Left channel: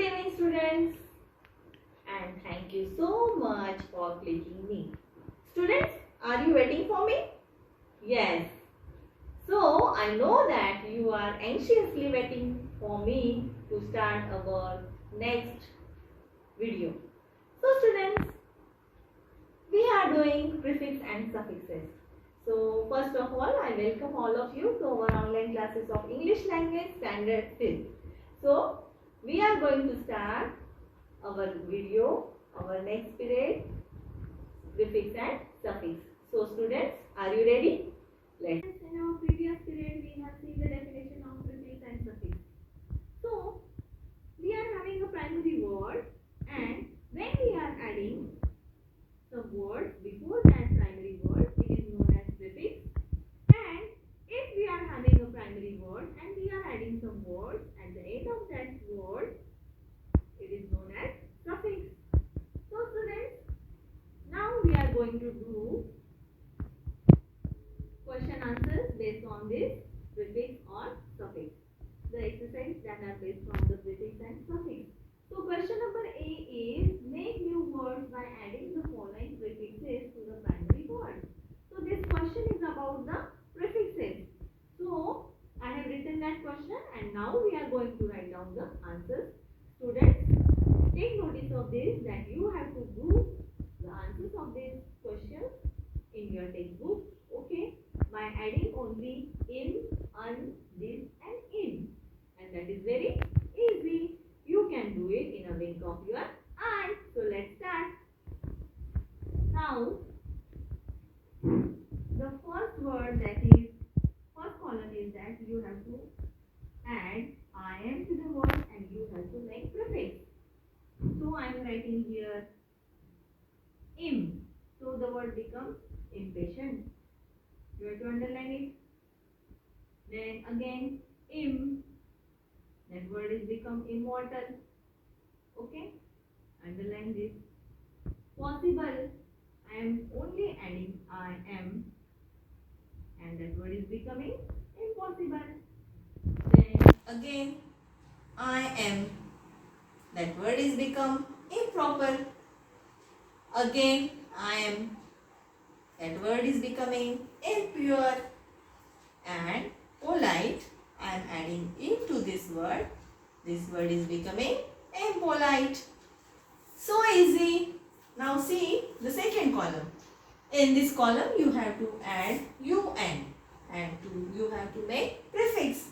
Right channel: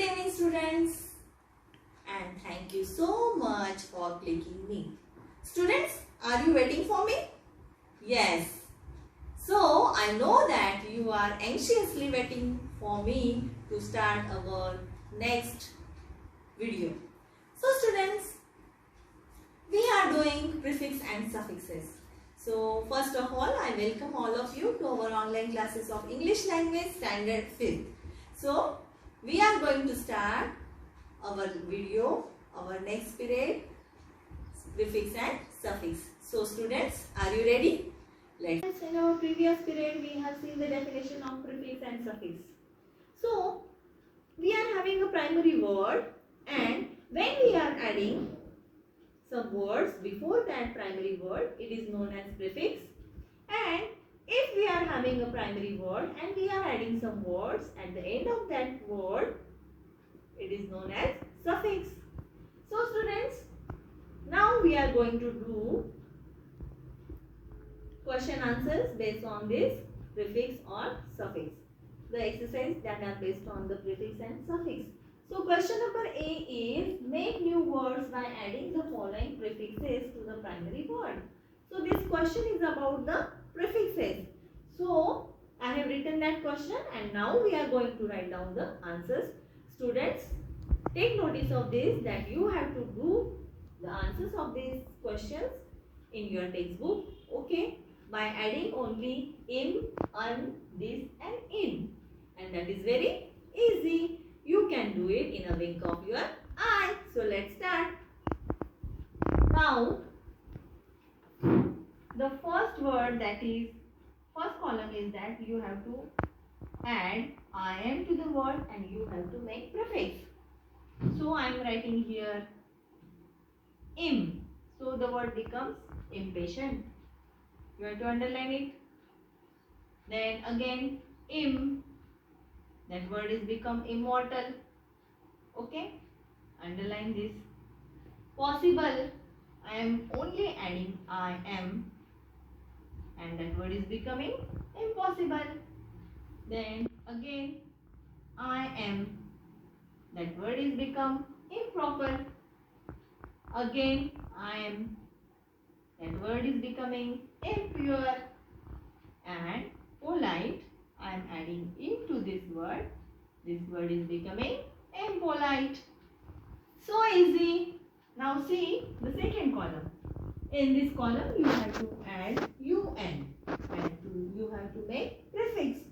Good evening, students, and thank you so much for clicking me. Students, are you waiting for me? Yes. So, I know that you are anxiously waiting for me to start our next video. So, students, we are doing prefix and suffixes. So, first of all, I welcome all of you to our online classes of English Language Standard 5th. So, we are going to start our video, our next period, prefix and suffix. So, students, are you ready? Let's. In our previous period, we have seen the definition of prefix and suffix. So, we are having a primary word, and when we are adding some words before that primary word, it is known as prefix. And if we are having a primary word and we are adding some words at the end of that word, it is known as suffix. So, students, now we are going to do question answers based on this prefix or suffix. The exercise that are based on the prefix and suffix. So, question number A is make new words by adding the following prefixes to the primary word. So, this question is about the prefixes. So, I have written that question and now we are going to write down the answers. Students, take notice of this that you have to do the answers of these questions in your textbook, okay, by adding only in, un, this and in, and that is very easy. You can do it in a wink of your eye. So let's start. Now, the first word, that is first column, is that you have to add im to the word and you have to make prefix. So I am writing here im. So the word becomes impatient. You have to underline it. Then again im. That word is become immortal. Okay. Underline this. Possible. I am only adding I am. And that word is becoming impossible. Then again I am. That word is become improper. Again I am. That word is becoming impure. And polite, I am adding into this word. This word is becoming impolite. So easy. Now see the second column. In this column you have to add un and you have to make prefix.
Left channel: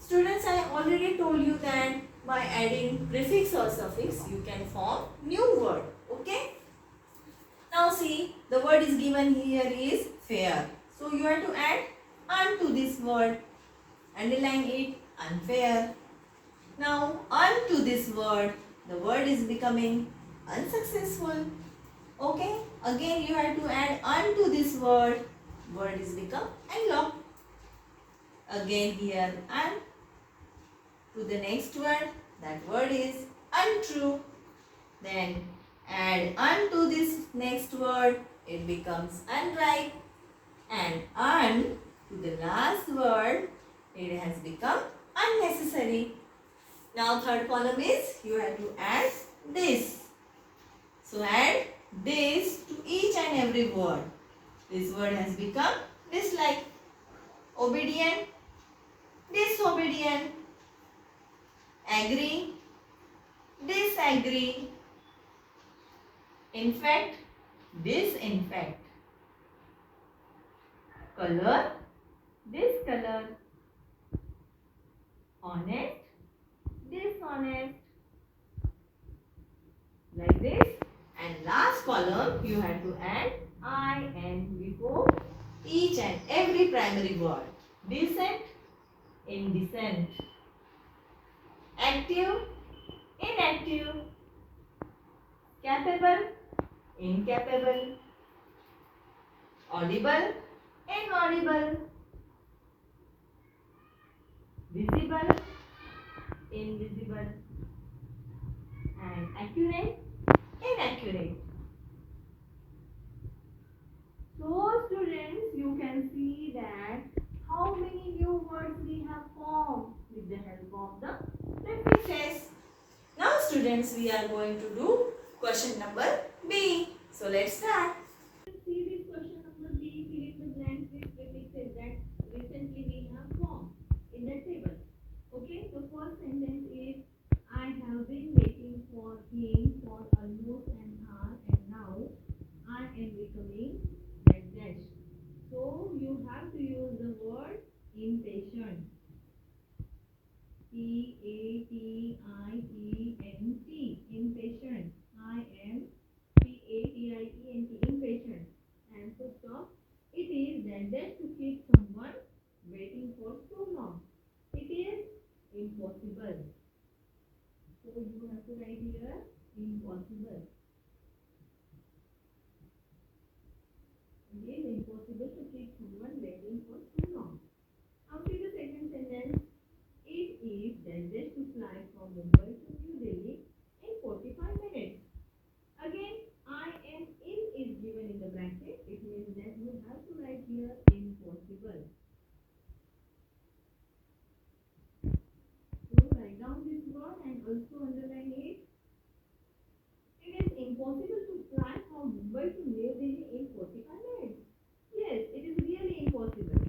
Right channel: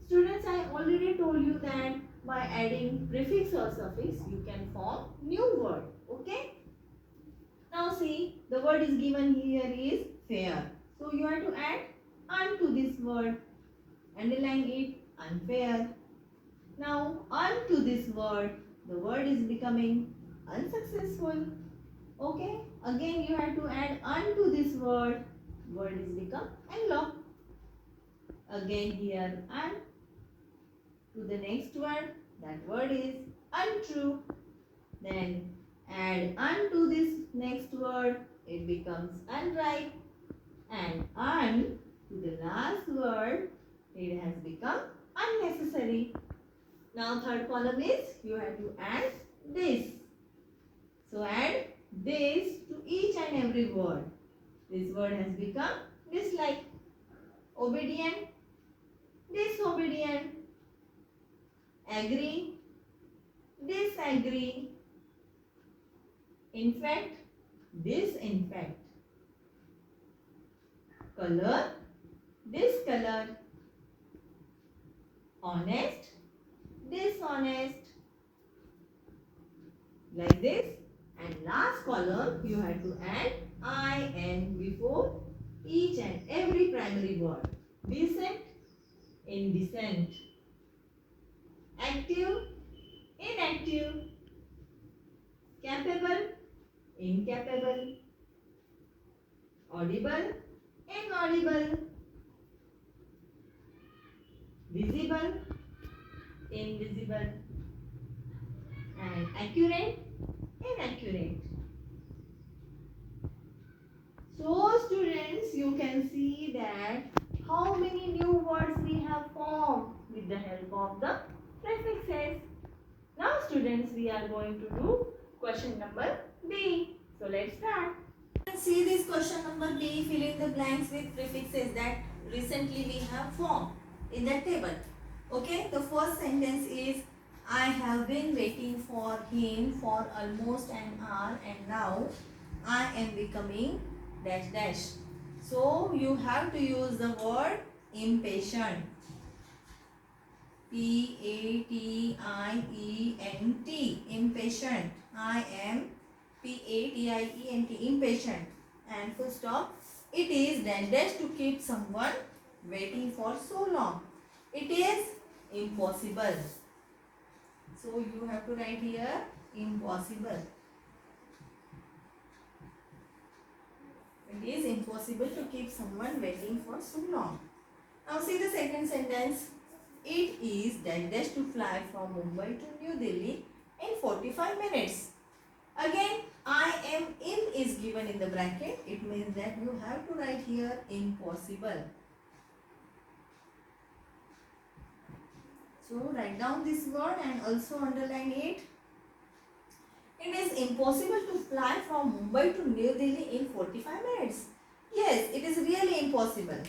Students, I already told you that by adding prefix or suffix you can form new word. Okay. Now see, the word is given here is fair. So you have to add un to this word. Underline it, unfair. Now un to this word, the word is becoming unsuccessful. Okay. Again you have to add un to this word. Word is become unlocked. Again here un to the next word. That word is untrue. Then add un to this next word. It becomes unripe. And un to the last word. It has become unnecessary. Now third column is you have to add this. So add this to each and every word. This word has become dislike. Obedient, disobedient. Agree, disagree. Infect, disinfect. Color, discolor. Honest, dishonest. Like this. And last column you have to add in before each and every primary word. Decent, indecent. Active, inactive. Capable, incapable. Audible, inaudible. Visible, invisible. And accurate, inaccurate. So students, you can see that how many new words we have formed with the help of the prefixes. Now students, students, we are going to do question number B. So let's start. See this question number B, fill in the blanks with prefixes that recently we have formed in that table. Okay, the first sentence is I have been waiting for him for almost an hour and now I am becoming dash dash. So you have to use the word impatient. P-A-T-I-E-N-T, impatient. I am P-A-T-I-E-N-T, impatient. And full stop. It is dash dash to keep someone waiting for so long. It is impossible. So you have to write here impossible. It is impossible to keep someone waiting for so long. Now see the second sentence. It is dash dash to fly from Mumbai to New Delhi in 45 minutes. Again, I am in is given in the bracket. It means that you have to write here impossible. So write down this word and also underline it. It is impossible to fly from Mumbai to New Delhi in 45 minutes. Yes, it is really impossible.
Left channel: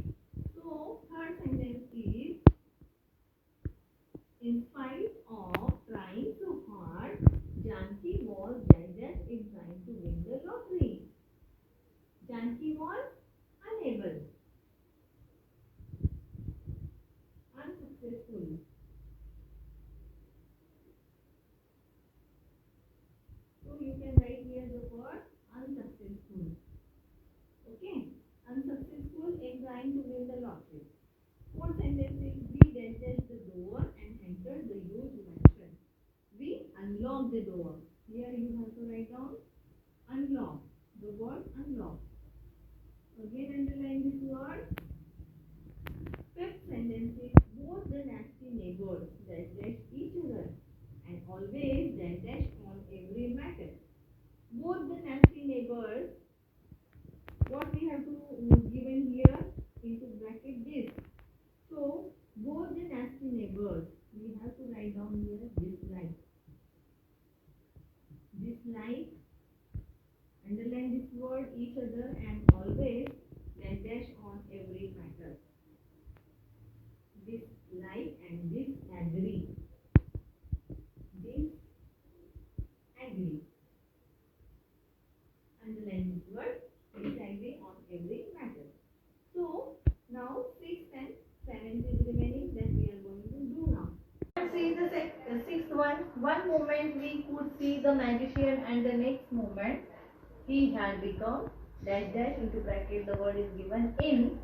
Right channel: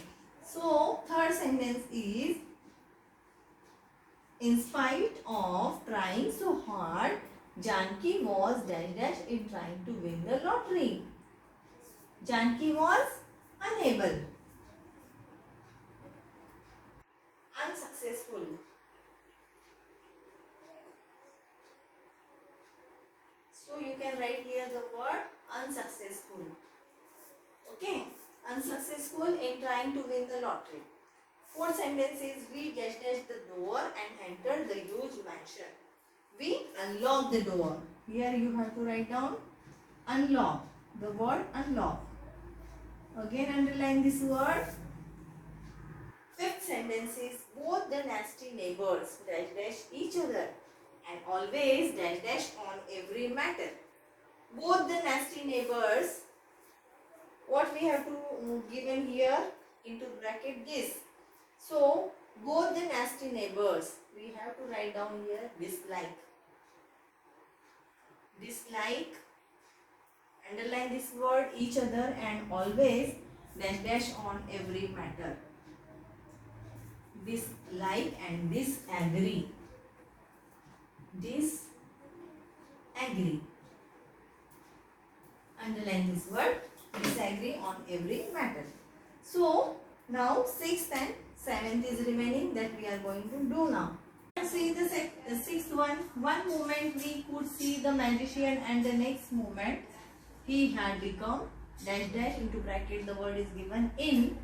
So third sentence is in spite of trying so hard, Janki was dash dash in trying to win the lottery. Janki was unable, unsuccessful. So you can write here the word unsuccessful. Okay, unsuccessful in trying to win the lottery. Fourth sentence is we dash dash the door and entered the huge mansion. We unlock the door. Here you have to write down unlock. The word unlock. Again underline this word. Fifth sentence is both the nasty neighbors dash dash each other and always dash dash on every matter. Both the nasty neighbors. What we have to given here into bracket this. So both the nasty neighbors. We have to write down here dislike. Dislike. Underline this word each other and always dash dash on every matter. Dislike and disagree. Disagree. Underline this word disagree on every matter. So now 6th and 7th is remaining that we are going to do now. See the 6th one. One moment we could see the magician and the next moment he had become dash dash into bracket the word is given in.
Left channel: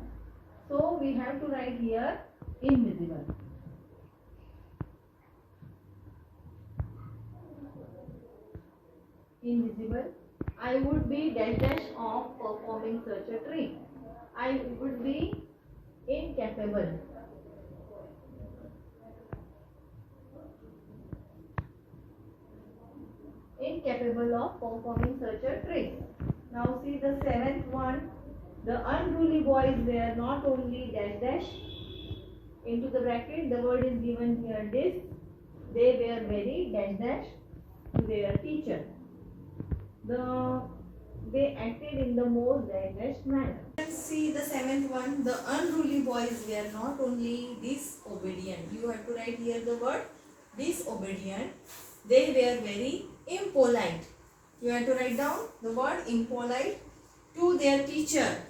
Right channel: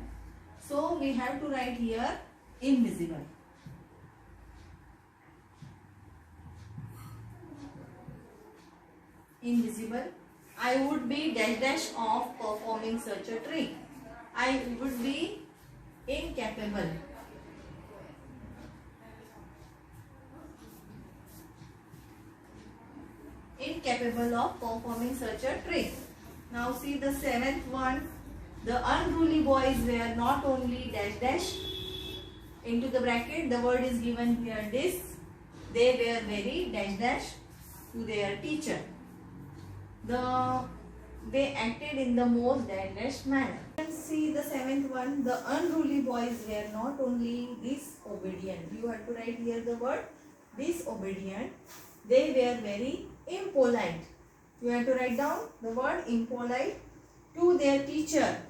So we have to write here invisible. Invisible. I would be dash dash of performing such a trick. I would be incapable. Incapable of performing such a trick. Now see the 7th one. The unruly boys were not only dash dash into the bracket. The word is given here this. They were very dash dash to their teacher. They acted in the most dash dash manner. See the 7th one. The unruly boys were not only disobedient. You have to write here the word disobedient. They were very impolite. You have to write down the word impolite to their teacher.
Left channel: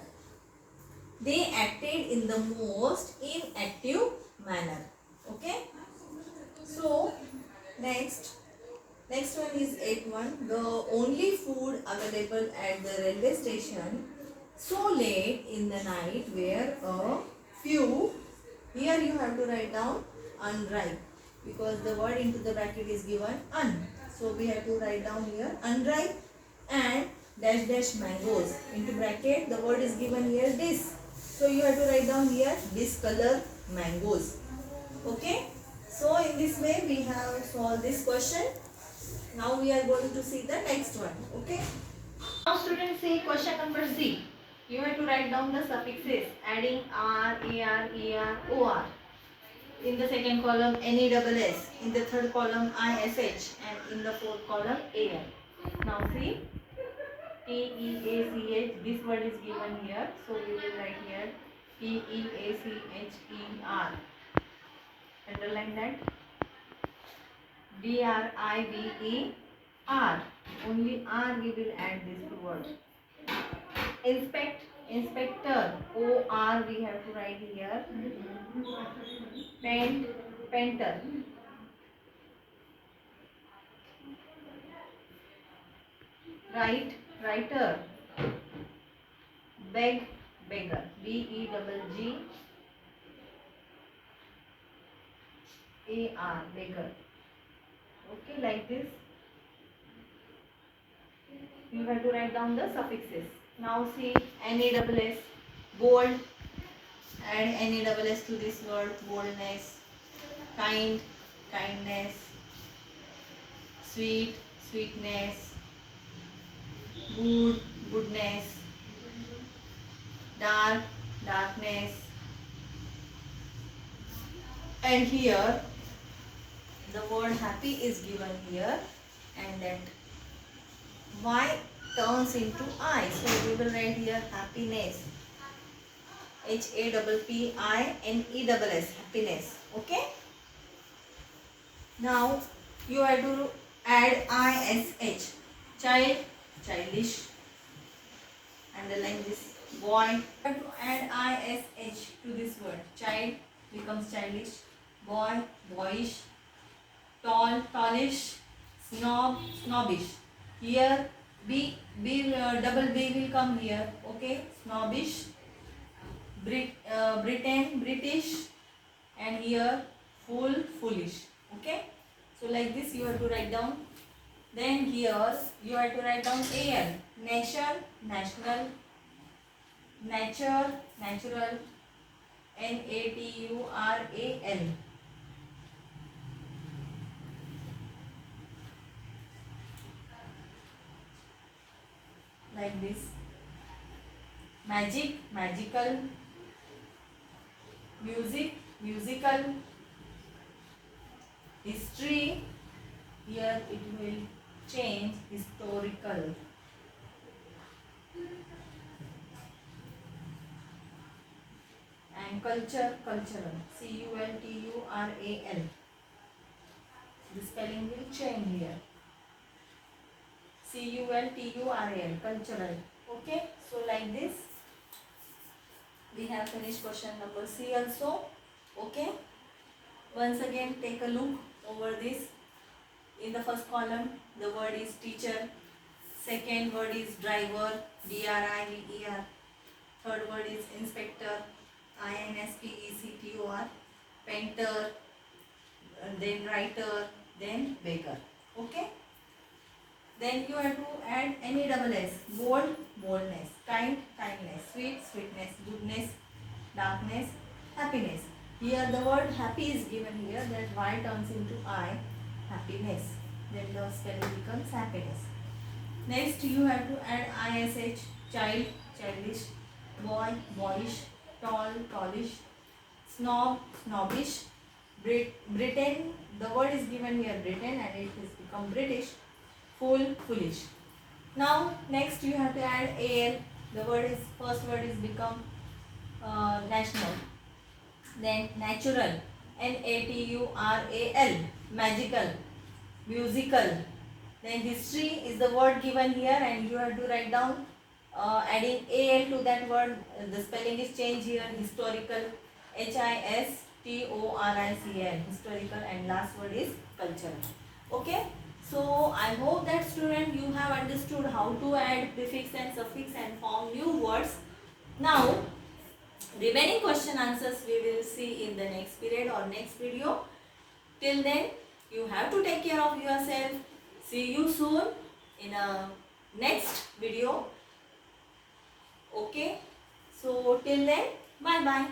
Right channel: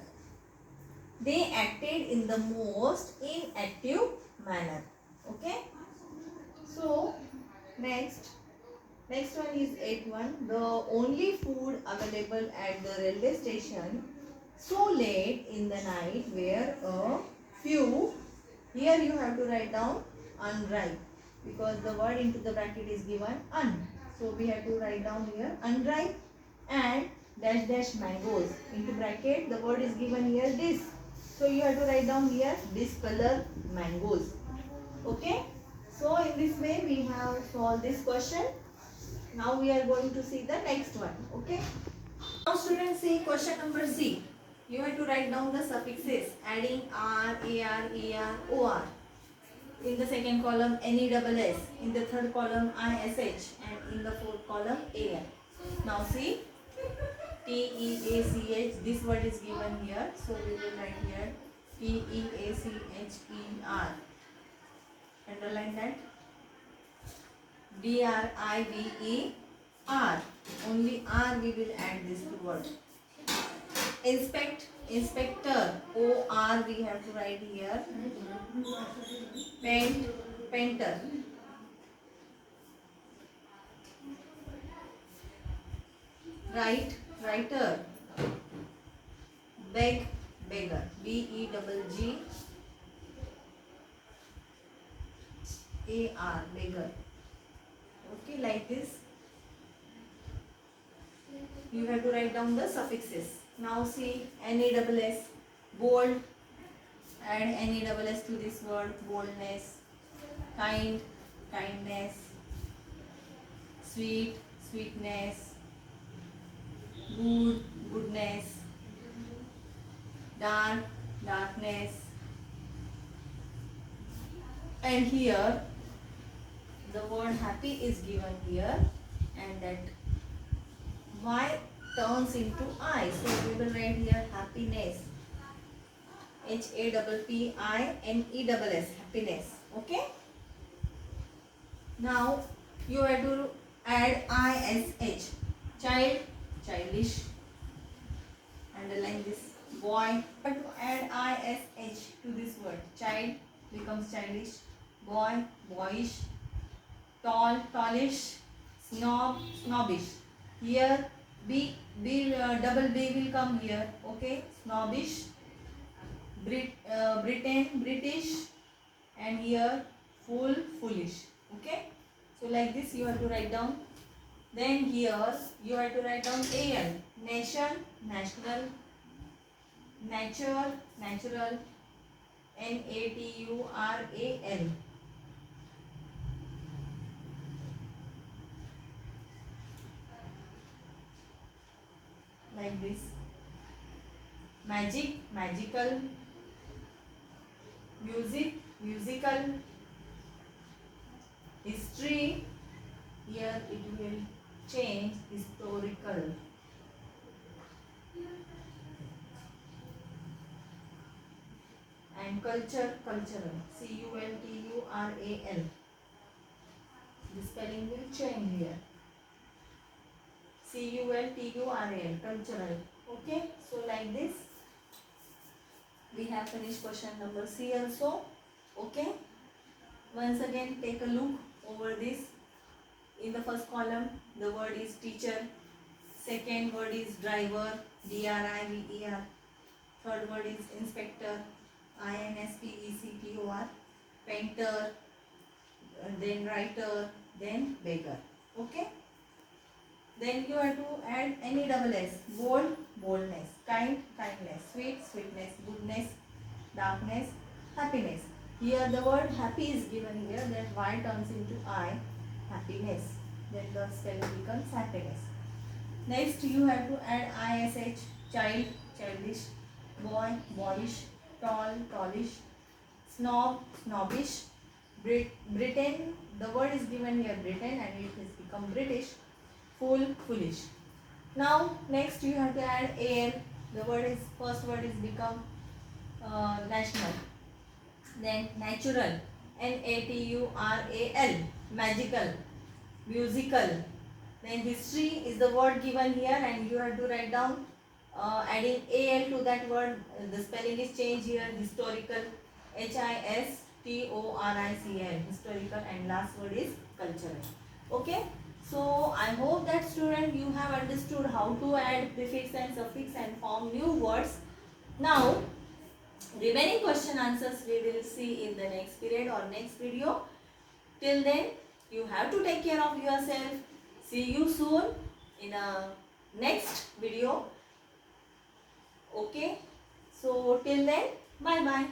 They acted in the most inactive manner. Okay. So next one is 8th one. The only food available at the railway station so late in the night were a few. Here you have to write down unripe because the word into the bracket is given un. So we have to write down here unripe and dash dash mangoes. Into bracket the word is given here this. So you have to write down here discolor mangoes. Okay. So in this way we have solved this question. Now we are going to see the next one. Okay. Now students, see question number C. You have to write down the suffixes adding r, ar, er, or. In the second column NESS, in the third column ISH, and in the fourth column AL. Now see, TEACH, this word is given here, so we will write here TEACHER. Underline that. DRIVER. Only R we will add this two words. Inspect, inspector. OR we have to write here. Paint, painter. Write, writer. Beg, beggar. BEGGAR, beggar. Okay, like this. You have to write down the suffixes. Now see, NASS, bold. Add NASS to this word, boldness. Kind, kindness. Sweet, sweetness. Good, goodness. Dark, darkness. And here the word happy is given here, and that Y turns into I. So we will write here happiness. HAPPINESS, happiness. Okay. Now you have to add ISH. Child, childish. Underline this. Boy. You have to add ISH to this word. Child becomes childish. Boy, boyish. Tall, tallish. Snob, snobbish. Here double B will come here. Okay, snobbish. Britain, British, and here fool, foolish. Okay, so like this you have to write down. Then here you have to write down AL. Nation, national. Nature, natural. NATURAL. Like this. Magic, magical. Music, musical. History, here it will change, historical. And culture, cultural. CULTURAL. The spelling will change here. CULTURAL, cultural. Okay, so like this we have finished question number C also. Okay, once again take a look over this. In the first column the word is teacher, second word is driver, DRIVER, third word is inspector, INSPECTOR, painter, then writer, then beggar. Okay, then you have to add NESS. Bold, boldness. Kind, kindness. Sweet, sweetness. Goodness, darkness, happiness. Here the word happy is given here, that Y turns into I, happiness. Then the spelling becomes happiness. Next you have to add ISH. Child, childish. Boy, boyish. Tall, tallish. Snob, snobbish. Britain, the word is given here Britain, and it has become British. Fool, foolish. Now next you have to add AL. The first word is become national. Then natural, NATURAL, magical, musical. Then history is the word given here, and you have to write down adding AL to that word. The spelling is changed here. Historical, HISTORICAL, historical, and last word is cultural. Okay. So I hope that student you have understood how to add prefix and suffix and form new words. Now remaining question answers we will see in the next period or next video. Till then you have to take care of yourself. See you soon in a next video. Okay. So till then, bye bye.